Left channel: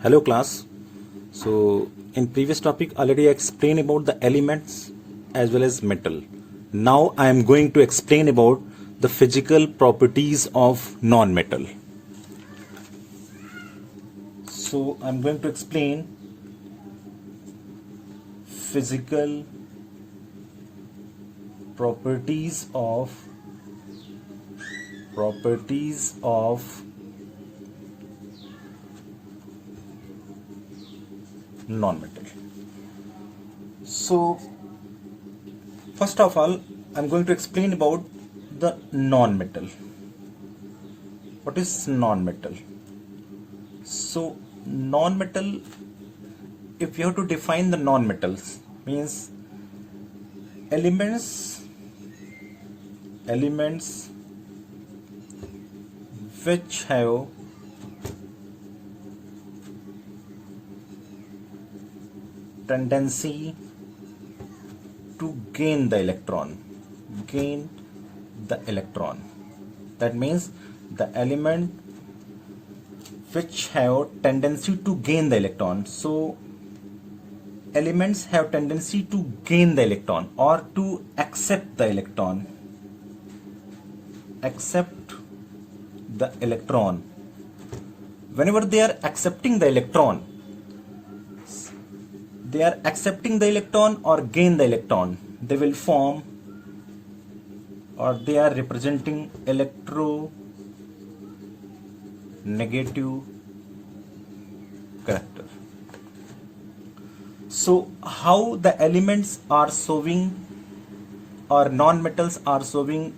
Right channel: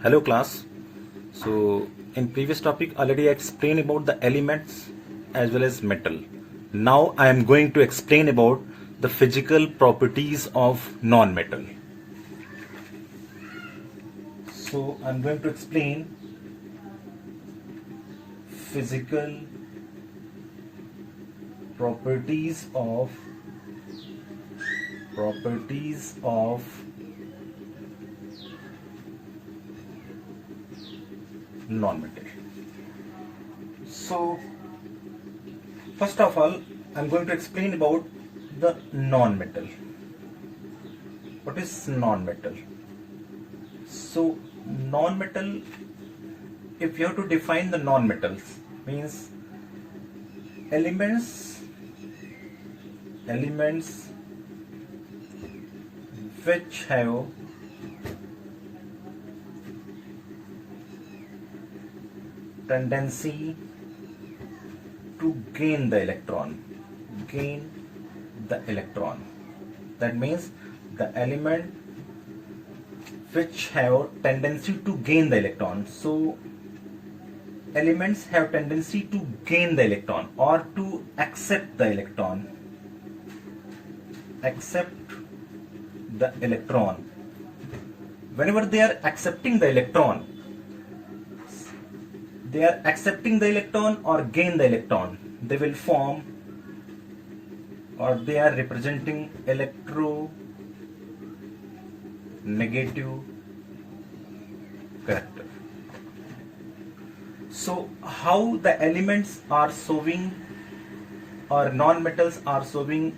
Hello class. So in previous topic already I explained about the elements as well as metal. Now I am going to explain about the physical properties of non-metal. So I'm going to explain physical properties of non-metal. So first of all, I'm going to explain about the non-metal. What is non-metal? So non-metal, if you have to define the non-metals, means elements which have tendency to gain the electron. That means the element which have tendency to gain the electron. So elements have tendency to gain the electron or to accept the electron. Whenever they are accepting the electron, or gain the electron, they will form, or they are representing electronegative character. So how the elements are showing, or non-metals are showing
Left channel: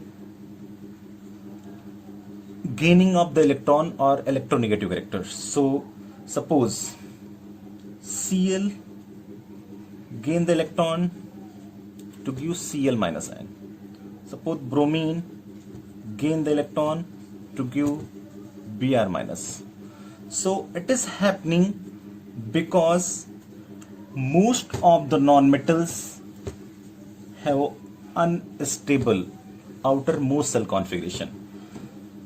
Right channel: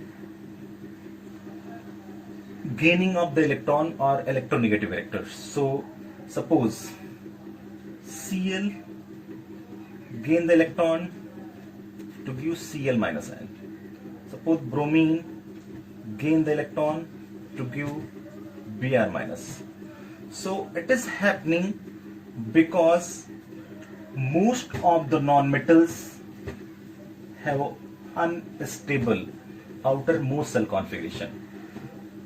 gaining of the electron or electronegative character. So suppose Cl gain the electron to give Cl minus ion. Suppose bromine gain the electron to give Br minus. So it is happening because most of the non-metals have unstable outermost shell configuration.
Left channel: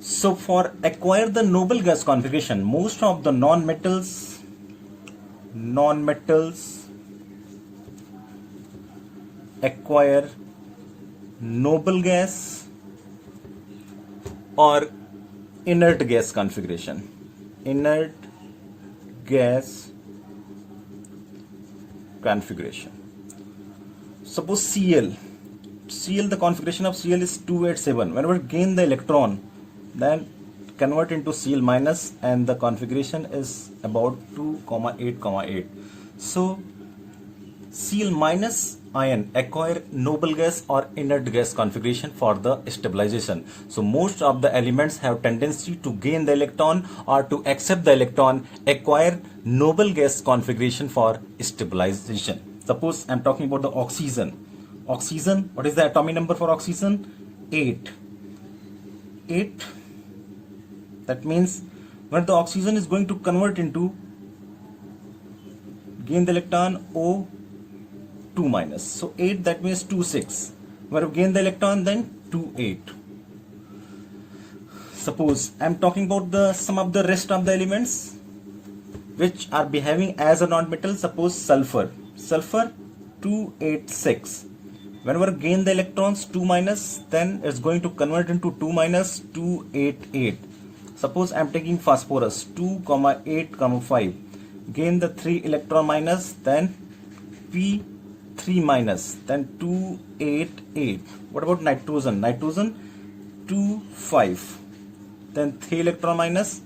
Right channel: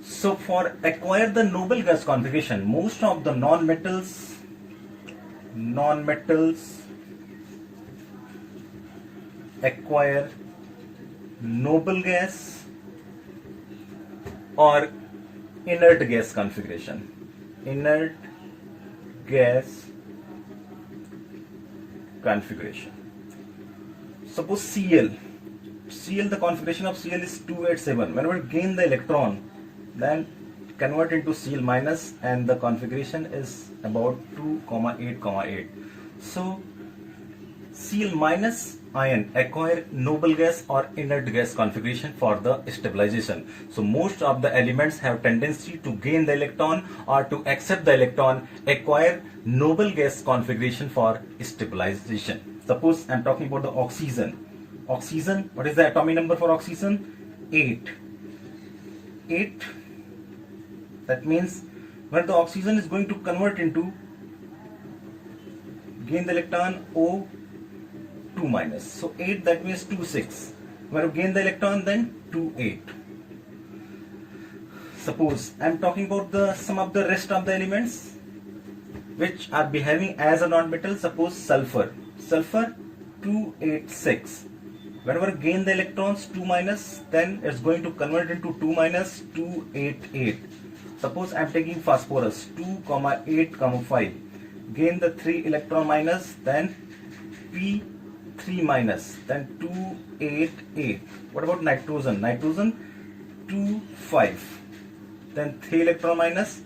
So for acquire the noble gas configuration, most of the non-metals acquire noble gas or inert gas configuration. Suppose Cl, the configuration of Cl is 287. Whenever gain the electron, then convert into Cl minus, and the configuration is about 2,8,8. So Cl minus ion acquire noble gas or inert gas configuration for the stabilization. So most of the elements have tendency to gain the electron or to accept the electron, acquire noble gas configuration for stabilization. Suppose I'm talking about the oxygen. Oxygen, what is the atomic number for oxygen? 8. That means when the oxygen is going to convert into gain the electron O2 minus. So 8, that means 2,6. When you gain the electron, then 2,8. Suppose I'm talking about some of the rest of the elements which are behaving as a non-metal. Suppose sulfur 286. Whenever gain the electrons 2 minus, then it's going to convert into 2 minus 288. Suppose I'm taking phosphorus 2,8,5. Gain the 3 electron minus, then P3 minus, then 288. What about nitrogen? 2,5. Then 3 electron minus,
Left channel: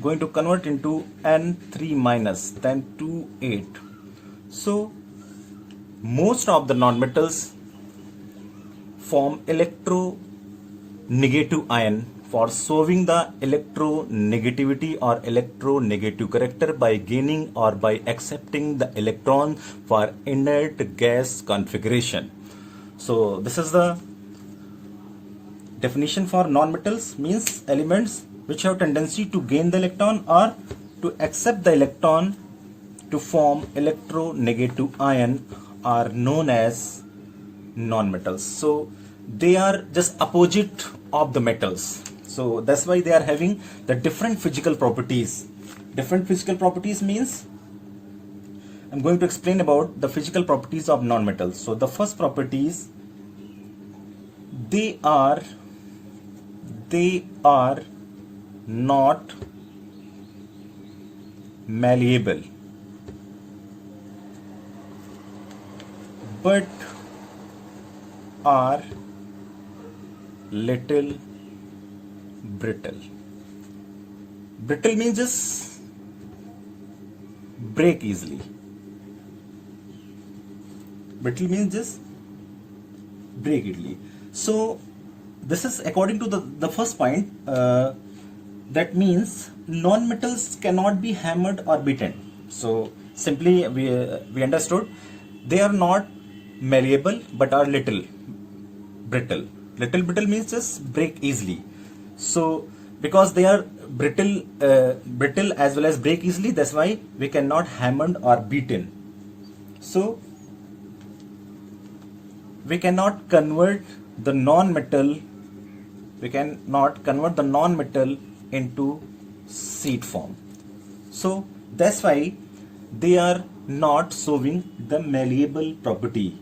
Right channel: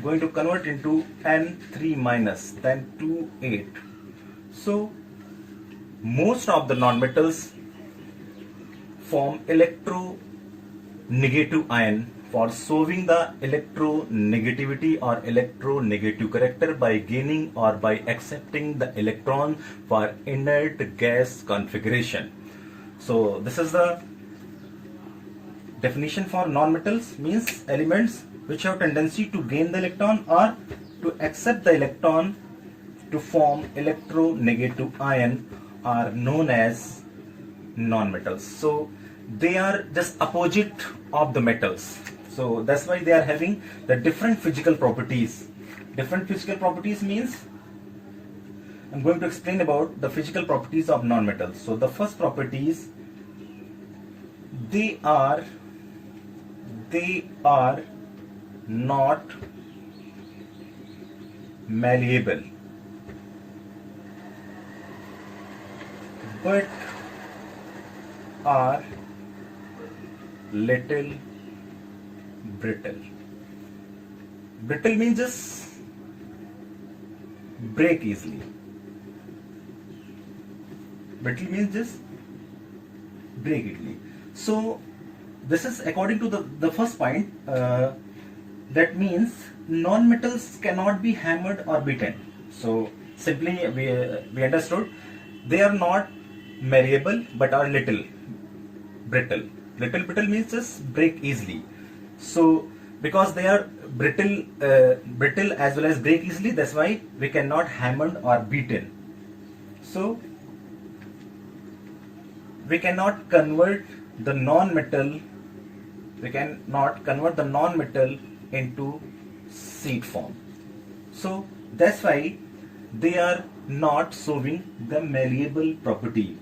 going to convert into N3 minus, then 2,8. So most of the non-metals form electronegative ion for solving the electronegativity or electronegative character by gaining or by accepting the electron for inert gas configuration. So this is the definition for non-metals, means elements which have tendency to gain the electron or to accept the electron to form electronegative ion are known as non-metals. So they are just opposite of the metals. So that's why they are having the different physical properties Different physical properties means I'm going to explain about the physical properties of non-metals. So the first property is they are not malleable but are little brittle. Brittle means just break easily. Brittle means just break easily. So this is according to the first point. That means non-metals cannot be hammered or beaten. So simply we understood they are not malleable but are little brittle. Little brittle means just break easily. So because they are brittle as well as break easily, that's why we cannot hammered or beaten. So we cannot convert the non-metal into seed form. So that's why they are not showing the malleable property.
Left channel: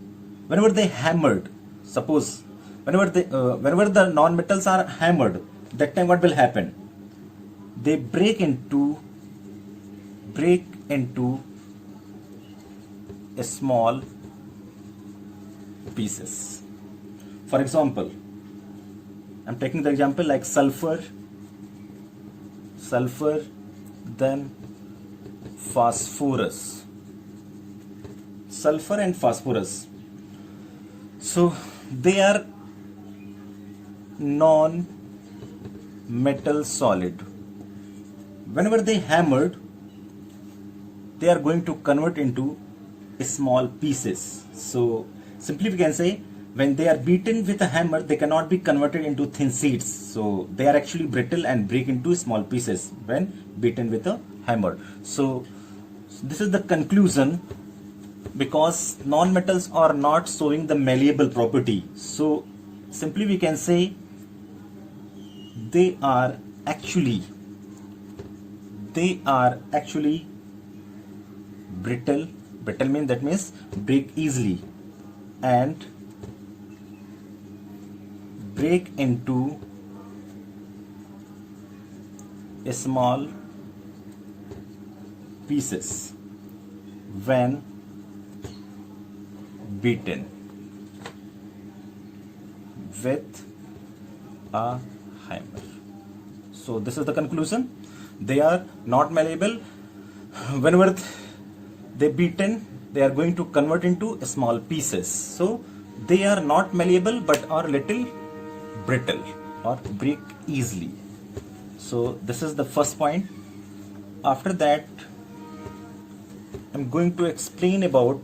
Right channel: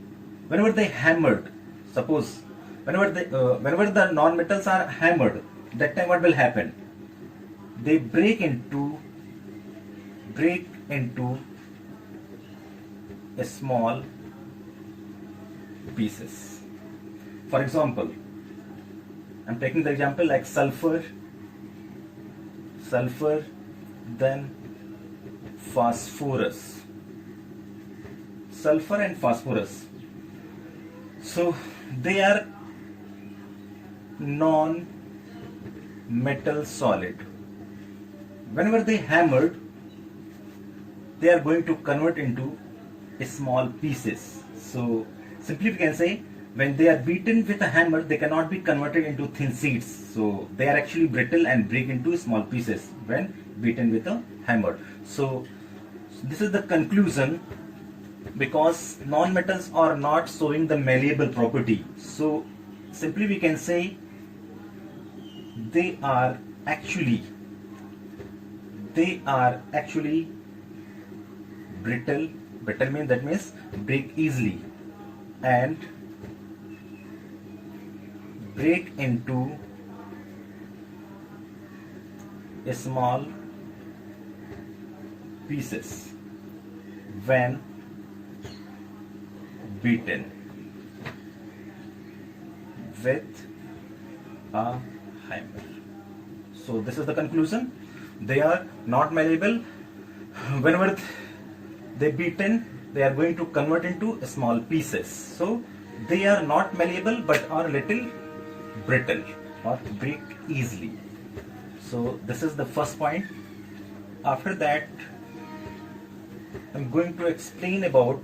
Whenever they hammered, suppose whenever the non-metals are hammered, that time what will happen? They break into a small pieces. For example, I'm taking the example like sulfur, then phosphorus. Sulfur and phosphorus. So they are non-metal solid. Whenever they hammered, they are going to convert into small pieces. So simply we can say when they are beaten with a hammer, they cannot be converted into thin sheets. So they are actually brittle and break into small pieces when beaten with a hammer. So this is the conclusion, because non-metals are not showing the malleable property. So simply we can say they are actually brittle. Brittle means, that means break easily and break into small pieces when beaten with a hammer. So this is the conclusion. They are not malleable. Whenever they beaten, they are going to convert into small pieces. So they are not malleable but are little brittle or break easily. So this is the first point. After that, I'm going to explain about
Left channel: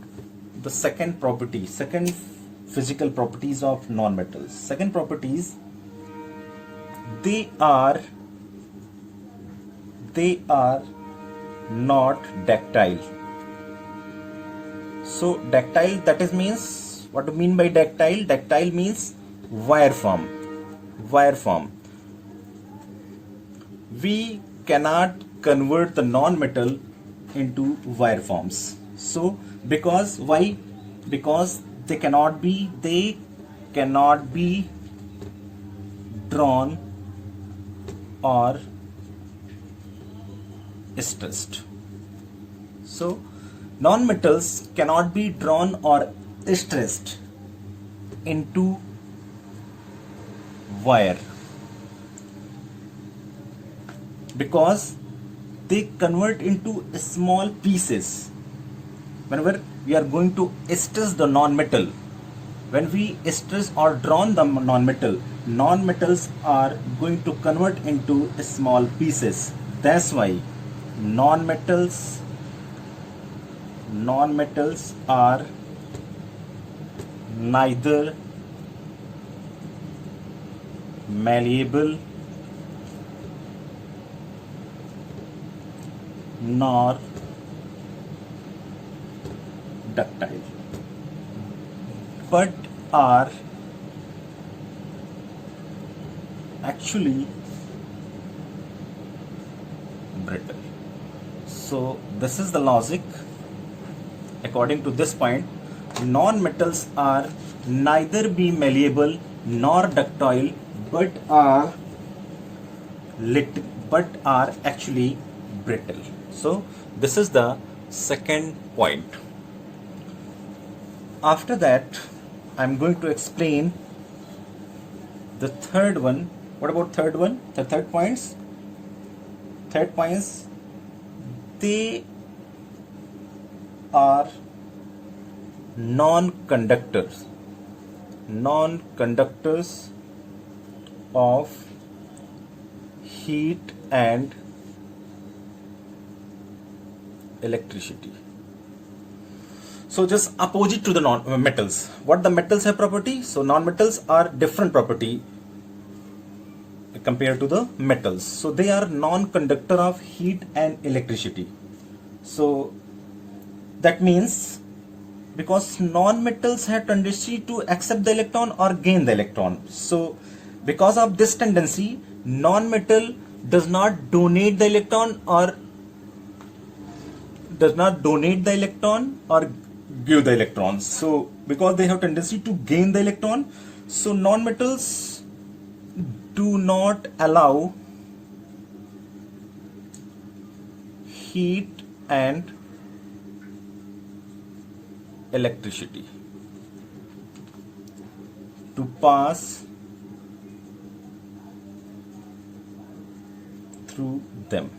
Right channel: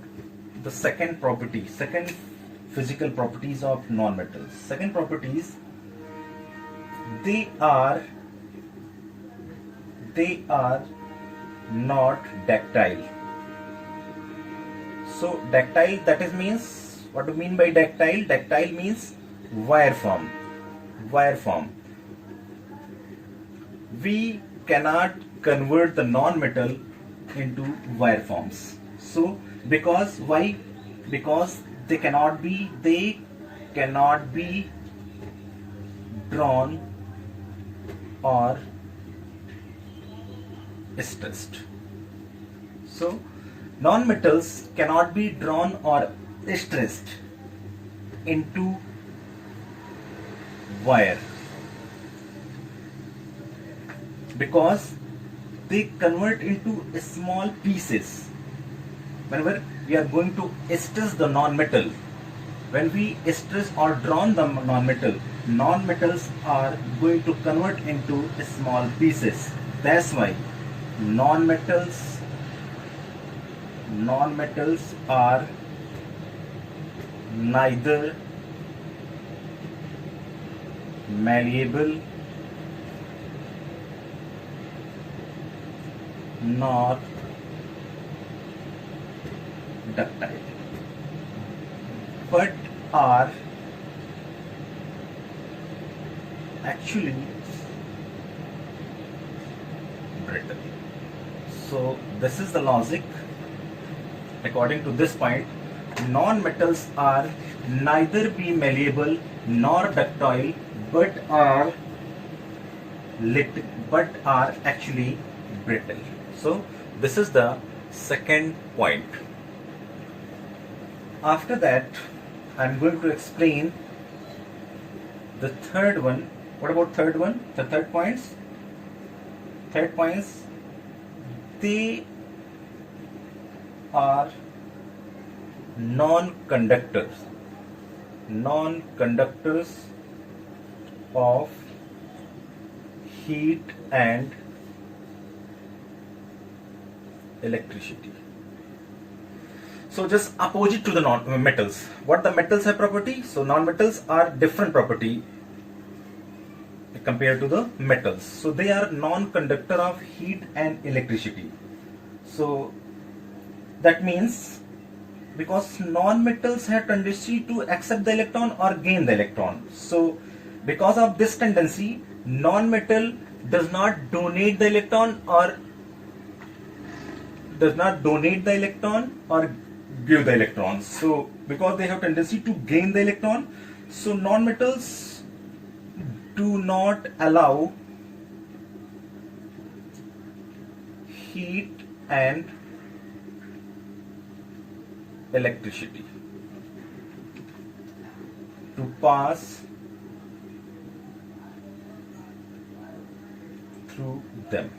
the second physical properties of non-metals. Second properties, they are not ductile. So ductile, that is means, what do you mean by ductile? Ductile means wire form. We cannot convert the non-metal into wire forms. So because why? Because they cannot be drawn or stressed. So non-metals cannot be drawn or stressed into wire because they convert into small pieces. Whenever we are going to stress the non-metal, when we stress or drawn the non-metals are going to convert into small pieces. That's why non-metals are neither malleable nor ductile, but are actually brittle. So this is the logic. According to this point, non-metals are neither be malleable nor ductile, but are actually brittle. So this is the second point. After that, I'm going to explain the third one. What about third one? The third points. Third points, they are non-conductors of heat and electricity. So just opposite to the non-metals. What the metals have property? So non-metals are different property compared to the metals. So they are non-conductor of heat and electricity. So that means because non-metals have tendency to accept the electron or gain the electron. So because of this tendency, non-metal does not donate the electron or give the electrons. So because they have tendency to gain the electron, so non-metals do not allow heat and electricity to pass through them.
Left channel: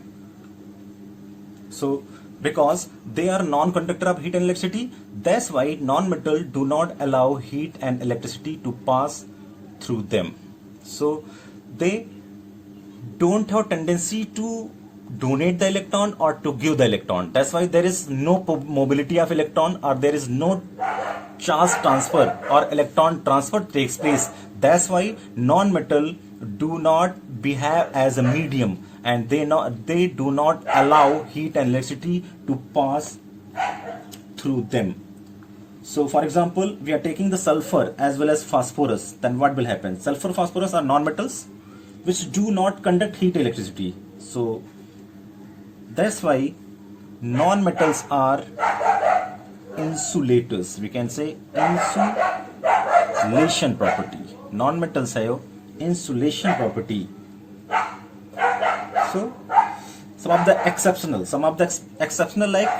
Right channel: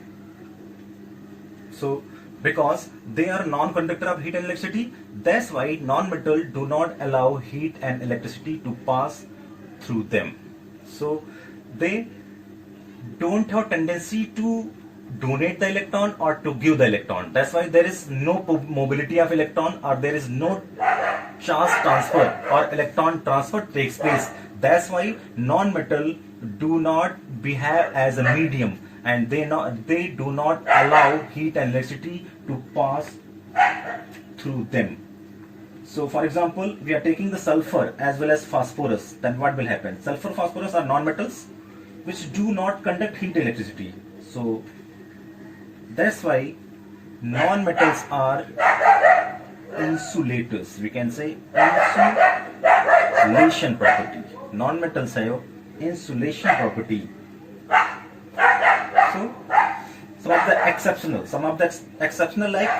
So because they are non-conductor of heat and electricity, that's why non-metal do not allow heat and electricity to pass through them. So they don't have tendency to donate the electron or to give the electron. That's why there is no mobility of electron, or there is no charge transfer or electron transfer takes place. That's why non-metal do not behave as a medium, and they do not allow heat and electricity to pass through them. So for example, we are taking the sulfur as well as phosphorus, then what will happen? Sulfur, phosphorus are non-metals which do not conduct heat electricity. So that's why non-metals are insulators. We can say insulation property. Non-metals have insulation property. So some of the exceptional like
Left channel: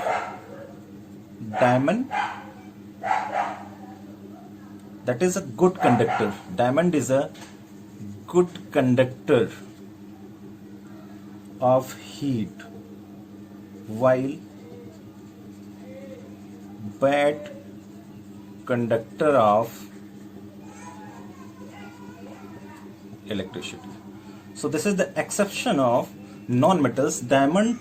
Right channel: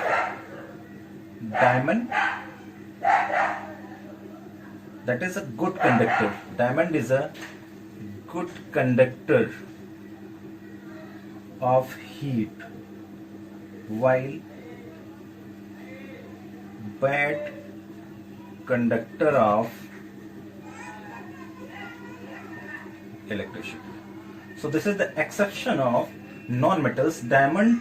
diamond, that is a good conductor. Diamond is a good conductor of heat, while bad conductor of electricity. So this is the exception of non-metals. Diamond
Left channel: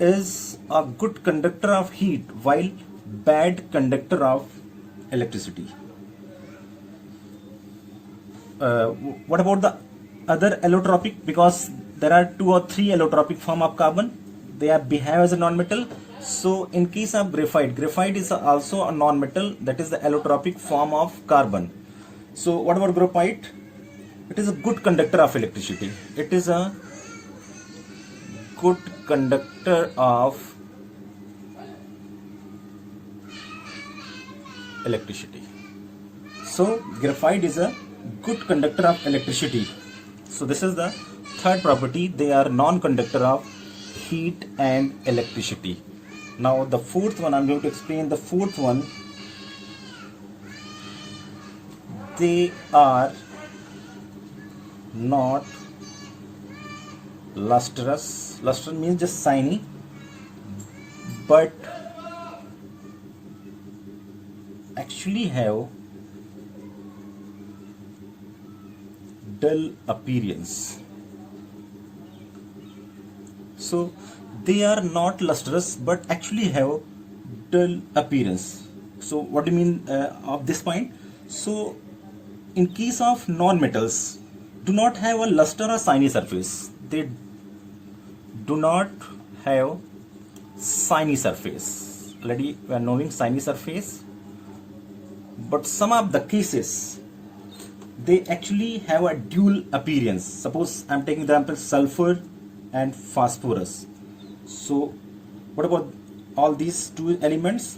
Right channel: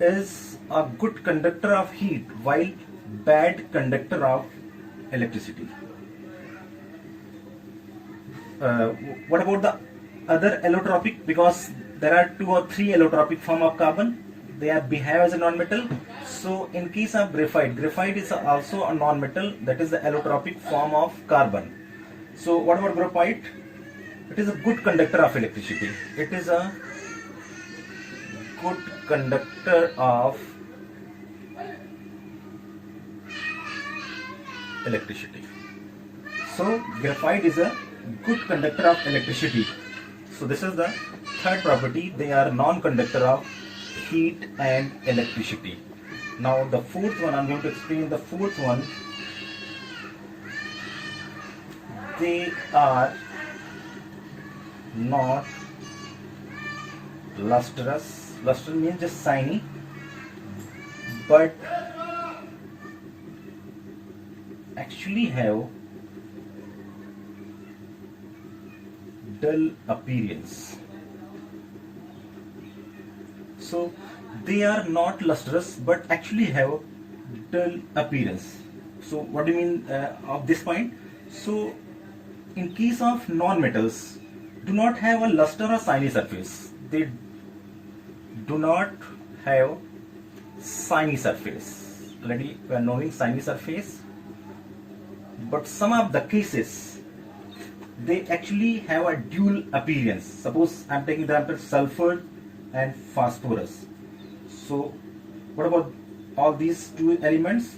is a good conductor of heat, while bad conductor of electricity. What about the other allotropic? Because there are 2 or 3 allotropic form of carbon. They behave as a non-metal. So in case of graphite is also a non-metal, that is the allotropic form of carbon. So what about graphite? It is a good conductor of electricity. It is a good conductor of electricity. So graphite is a good conductor of electricity. So this is the third property. They are non-conductor of heat and electricity. Now the fourth one, I'm going to explain the fourth one. They are not lustrous. Lustrous means just shiny, but actually have dull appearance. So they are not lustrous but actually have dull appearance. So what do you mean of this point? So in case of non-metals, do not have a luster or shiny surface. They do not have shiny surface. Already we are knowing shiny surface. But some of the cases, they actually have a dual appearance. Suppose I am taking the example sulfur and phosphorus. So What about all these two elements?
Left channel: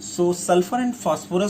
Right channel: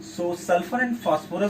So sulfur and phosphorus